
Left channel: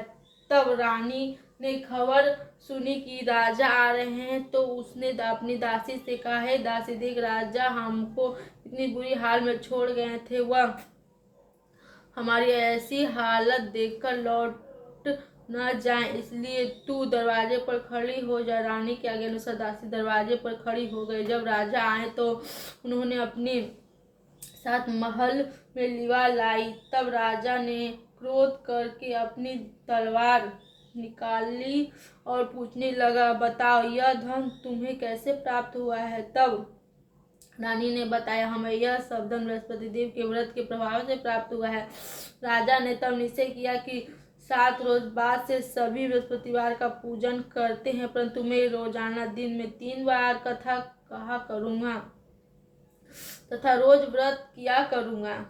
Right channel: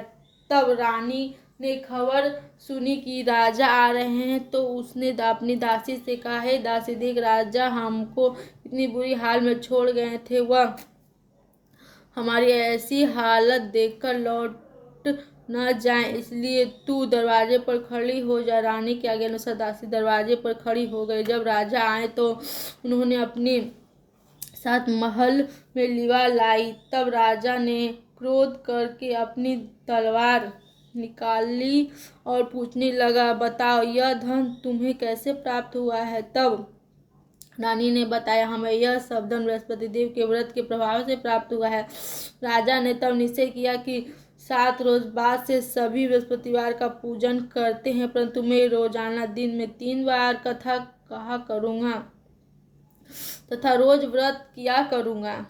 तब रानी ने खबर सुनी कि राजा आ रहे हैं तो उसने अपनी दासी से कहा, हे दासी, देख, राजा हमको इतनी बुरी हाल में छोड़ गए थे, वह हमारी ऐसी हालत देखकर लौट न जाए, इसलिए तू दरवाजे पर खड़ी हो जा। रानी के आज्ञा अनुसार दासी दरवाजे पर खड़ी हो गई। जब राजा आए तो उन्होंने अपने साथ महल में लिवा लाई। तब राजा ने क्रोध करके अपनी तलवार निकाली और पूछने लगा, बताओ, यह धन तुम्हें कैसे प्राप्त हुआ है। तब रानी ने बताया, हमें यह सब धन बृहस्पति देव के व्रत के प्रभाव से प्राप्त हुआ है। राजा ने तब निश्चय किया कि 7 रोज बाद से सभी बृहस्पतिवार का पूजन करते हैं, परंतु मैं रोजाना दिन में 3 बार कथा कहा करूँगा तथा रोज व्रत किया करूँगा।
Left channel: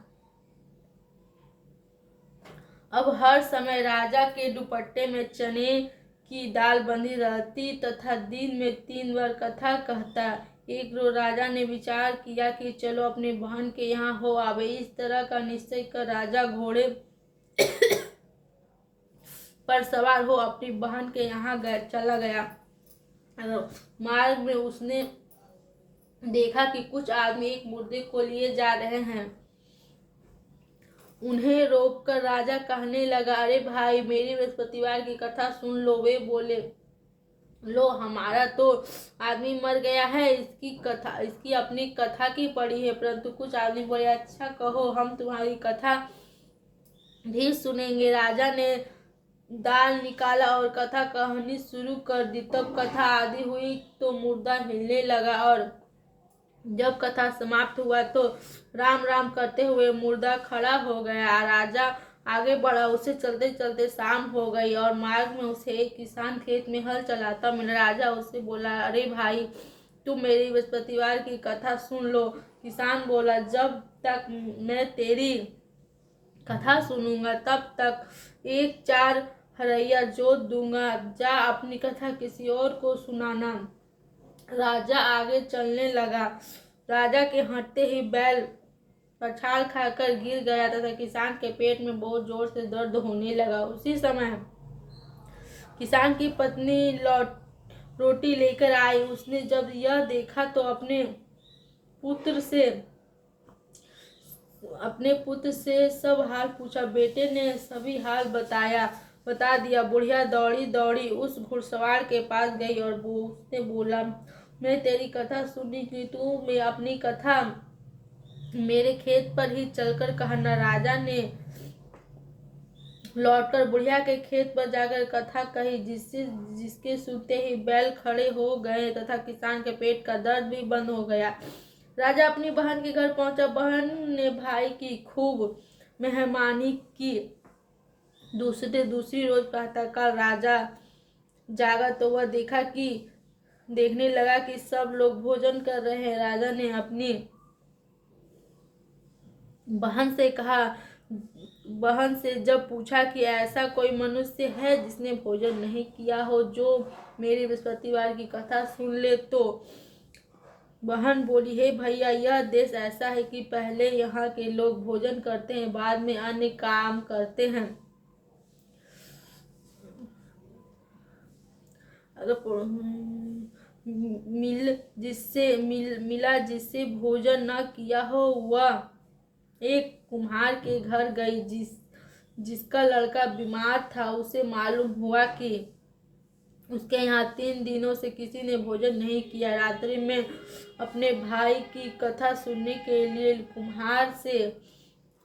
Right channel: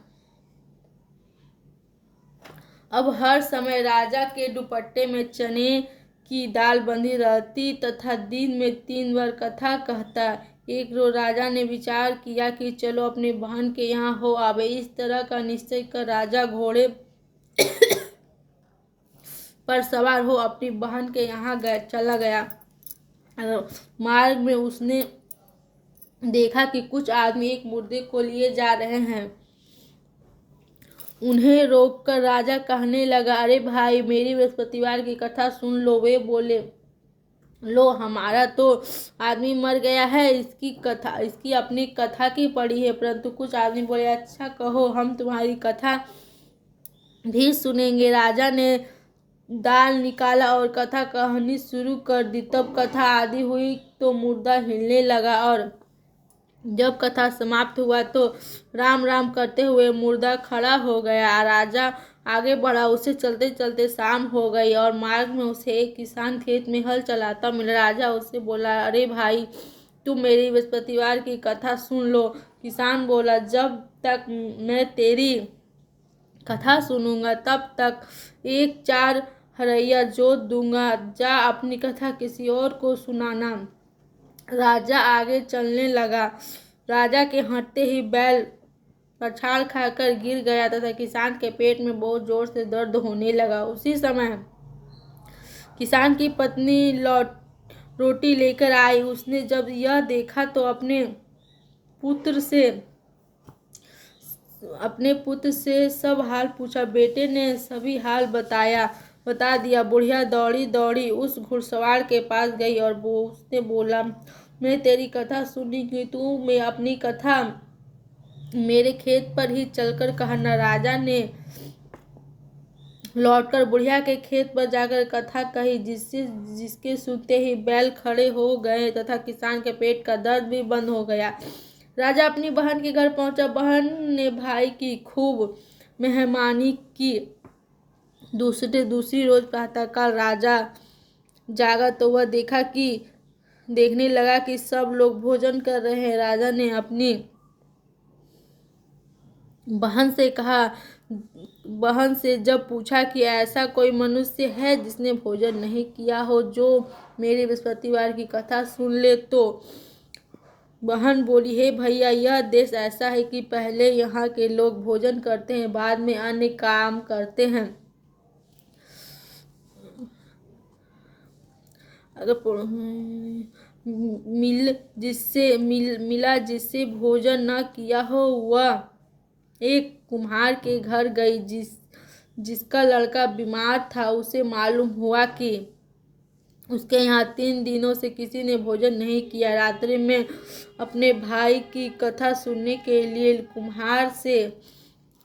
अब हर समय राजा के दुपट्टे में चने की दाल बंधी रहती तथा दिन में 3 बार कथा कहता। एक रोज राजा ने विचार किया कि चलो अपने बहन के यहाँ हो आवे। इस तरह का निश्चय कर राजा घोड़े पर सवार हो अपनी बहन के यहाँ चला गया। मार्ग में उसने देखा कि कुछ आदमी एक मुर्दे को लिए जा रहे हैं। उन्हें रोककर राजा कहने लगा, अरे भाई, मेरी बृहस्पतिवार की कथा सुन लो। वे बोले, लो, हमारा तो आदमी मर गया है, इसकी अपनी कथा की पड़ी है। परंतु कुछ आदमी बोले, अच्छा कहो, हम तुम्हारी कथा भी सुनेंगे। राजा ने दाल निकाला और कथा कहानी शुरू कर दी। तब कथा आदि हुई तो मुर्दा हिलने लगा और जब कथा समाप्त हुआ तो राम राम करते हुए मुर्दा खड़ा हो गया। राजा आगे बढ़ा। उसे चलते चलते शाम हो गई और मार्ग में उसे एक किसान खेत में हल चलाता मिला। राजा उससे बोला, अरे भाई, तुम मेरी बृहस्पतिवार की कथा सुन लो। किसान बोला, जब तक मैं तेरी कथा सुनूंगा तब तक 1-4 हरैया जोत दूंगा। जा अपनी कथा किसी और को सुनाना। राजा आगे चलने लगा। राजा के हटते ही बैल पछाड़ खाकर गिर गया तथा किसान के पेट में बहुत जोर से दर्द होने लगा। उसी समय किसान की पत्नी रोटी लेकर आई। उसने जब यह देखा तो अपने पुत्र से सब हाल पूछा। बेटे ने सभी हाल बता दिया। बुढ़िया दौड़ी दौड़ी उस घुड़सवार के पास गई और उसने बोला, मैं तेरी कथा सुनी कि तू मैं अपनी कथा मेरे खेत पर ही चलकर कहना। राजा ने लौटकर बुढ़िया के खेत पर जाकर कथा कही, जिसके सुनते ही बैल खड़े हो गए तथा किसान के पेट का दर्द भी बंद हो गया। राजा अपनी बहन के घर पहुंचा। बहन ने भाई की खूब मेहमानी की। दूसरी रोज प्रातःकाल राजा जागा तो वह देखने लगा कि सब लोग भोजन कर रहे हैं। राजा ने अपनी बहन से जब पूछा कि ऐसा कोई मनुष्य है जिसने भोजन नहीं किया हो, जो मेरी बृहस्पतिवार की कथा सुन ले, तो बहन बोली, हे भैया, यह देश ऐसा है कि पहले यहाँ के लोग भोजन करते हैं, बाद में अन्य काम करते हैं। अगर मिला जिससे भोजन न किया हो, वह एक कुम्हार के घर गई। जिसका लड़का बीमार था। उसे मालूम हुआ कि उसके यहाँ 3 दिनों से किसी ने भोजन नहीं किया। रात्रि में अपने भाई की कथा सुनने के लिए कुम्हार से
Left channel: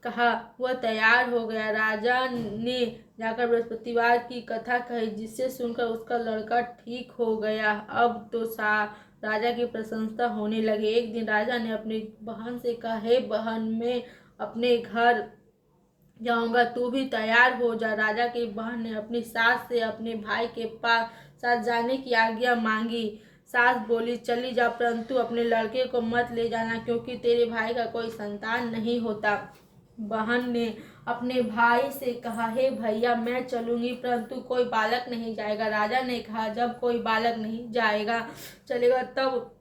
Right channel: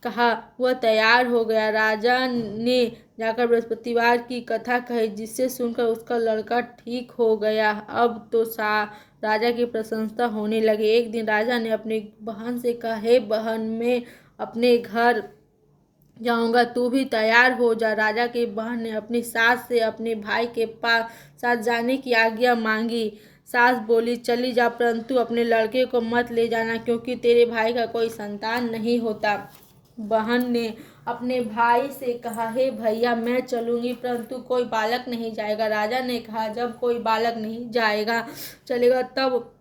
कहा। वह तैयार हो गया। राजा ने जाकर बृहस्पतिवार की कथा कही, जिससे सुनकर उसका लड़का ठीक हो गया। अब तो राजा की प्रशंसा होने लगी। एक दिन राजा ने अपनी बहन से कहा, हे बहन, मैं अपने घर जाऊंगा, तू भी तैयार हो जा। राजा की बहन ने अपनी सास से अपने भाई के साथ जाने की आज्ञा मांगी। सास बोली, चली जा, परंतु अपने लड़के को मत ले जाना, क्योंकि तेरे भाई का कोई संतान नहीं होता। बहन ने अपने भाई से कहा, हे भैया, मैं चलूंगी, परंतु कोई बालक नहीं जाएगा। राजा ने कहा, जब कोई बालक नहीं जाएगा चलेगा तब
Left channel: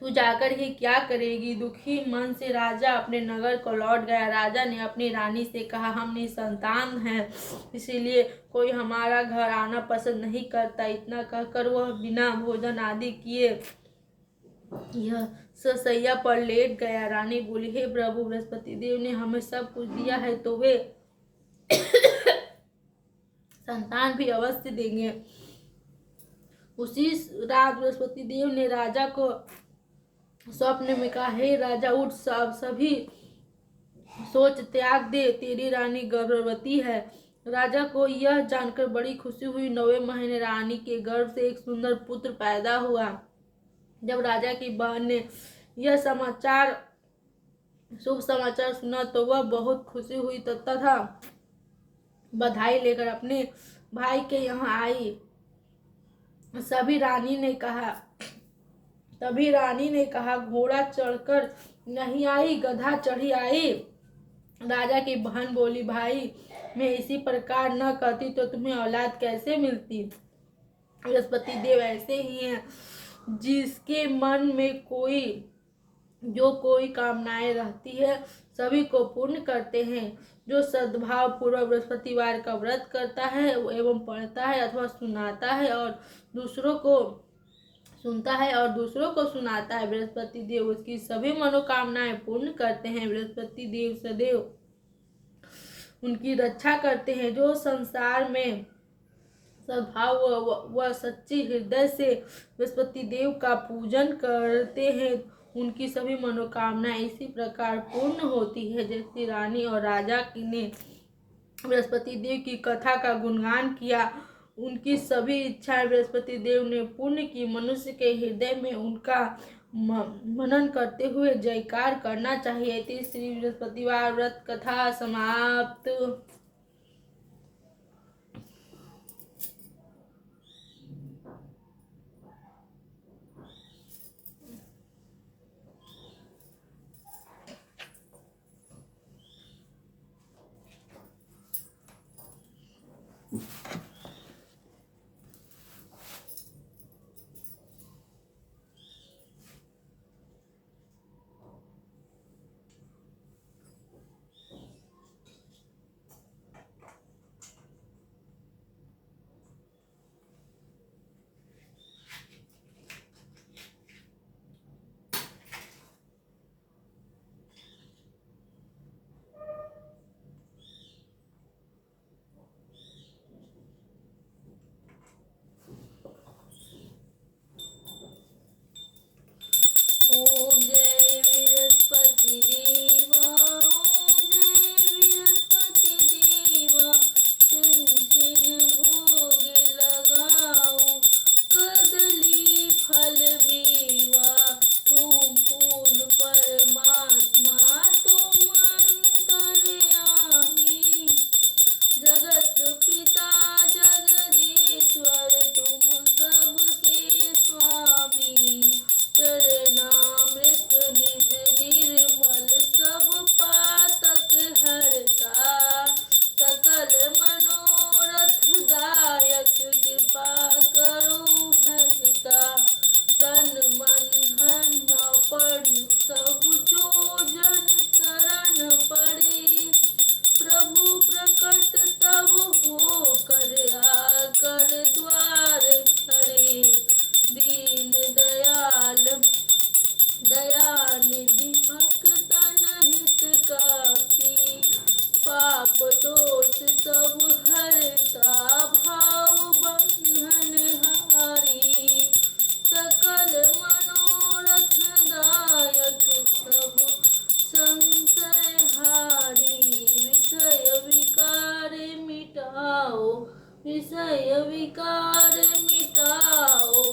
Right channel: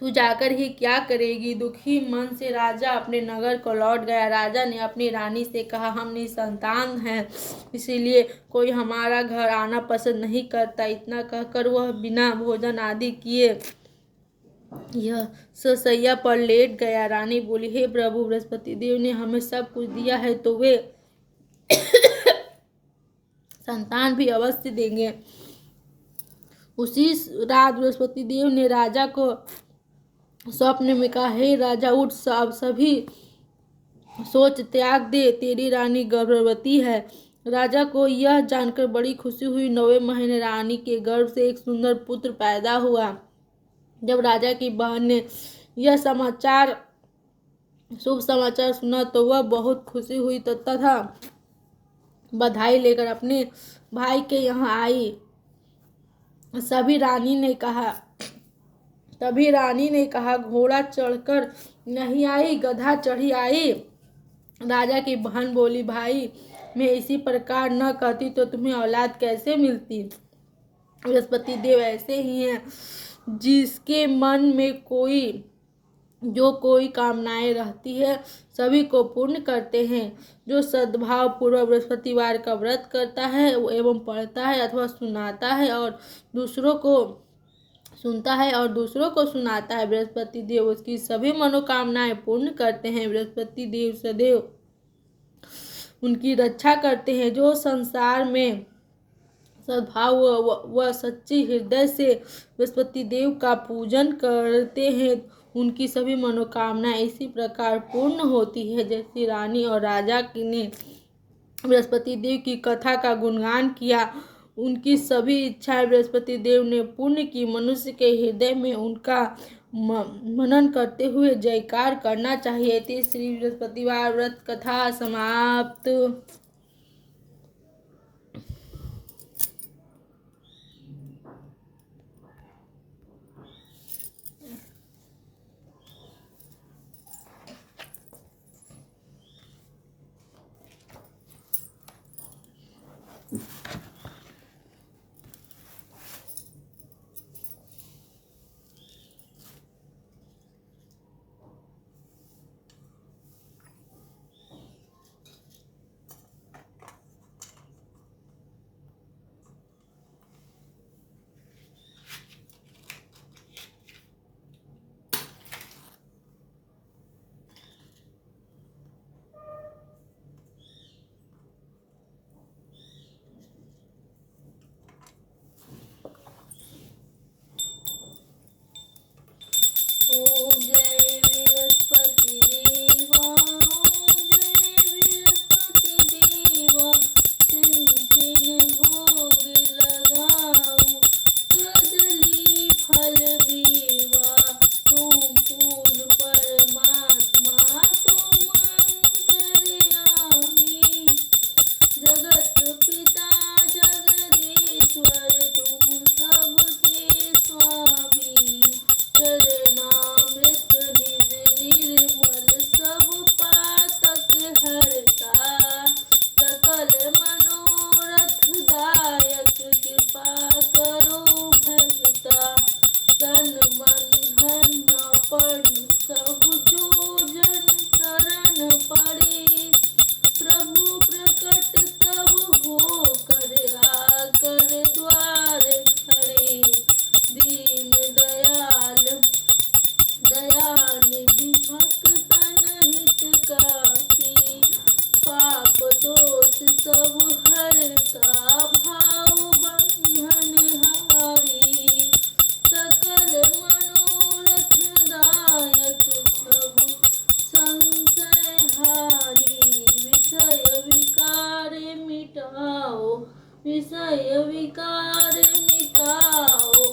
तू जाकर ही क्या करेगी। दुखी मन से राजा अपने नगर को लौट गया। राजा ने अपनी रानी से कहा, हम निसंतान हैं, इसीलिए कोई हमारा घर आना पसंद नहीं करता। इतना कहकर वह बिना भोजन आदि किए यह ससैया पर लेट गया। रानी बोली, हे प्रभु, बृहस्पति देव ने हमें सब कुछ दिया है, तो वे संतान भी अवश्य देंगे। उसी रात बृहस्पति देव ने राजा को स्वप्न में कहा, हे राजा, उठ, सब सभी सोच त्याग दे, तेरी रानी गर्भवती है। राजा को यह जानकर बड़ी खुशी हुई। 9वें महीने रानी के गर्भ से एक सुंदर पुत्र पैदा हुआ। जब राजा की बहन ने यह शुभ समाचार सुना तो वह बहुत खुशी हुई तथा बधाई लेकर अपने भाई के यहाँ आई। तभी रानी ने कहा, घोड़ा चढ़कर नहीं आई, गधा चढ़ी आई। राजा की बहन बोली, भाई, मैं इसी प्रकार न कहती तो तुम्हें औलाद कैसे मिलती। बृहस्पति देव ऐसे ही हैं, जिसके मन में कोई कामनाएं रहती है सभी को पूर्ण करते हैं। जो सद्भाव पूर्वक बृहस्पतिवार का व्रत करता है एवं पढ़ता है अथवा सुनता है और दूसरों को सुनाता है, बृहस्पति देव उसकी सभी मनोकामनाएं पूर्ण करते हैं। बृहस्पति देव सदैव उनकी रक्षा करते हैं। जो संसार में सद्भाव व सच्ची हृदय से बृहस्पति देव का पूजन करते हैं, उनकी सभी मनोकामनाएं इसी प्रकार पूर्ण होती है। जैसे रानी और राजा ने बृहस्पति देव की कथा का गुणगान किया, उनकी सभी इच्छाएं बृहस्पति देव ने पूर्ण की। मनुष्य के हृदय में उनका मनन करते हुए जयकार करना चाहिए। तीसरी बृहस्पतिवार व्रत कथा समाप्त। विषय विकार मिटाओ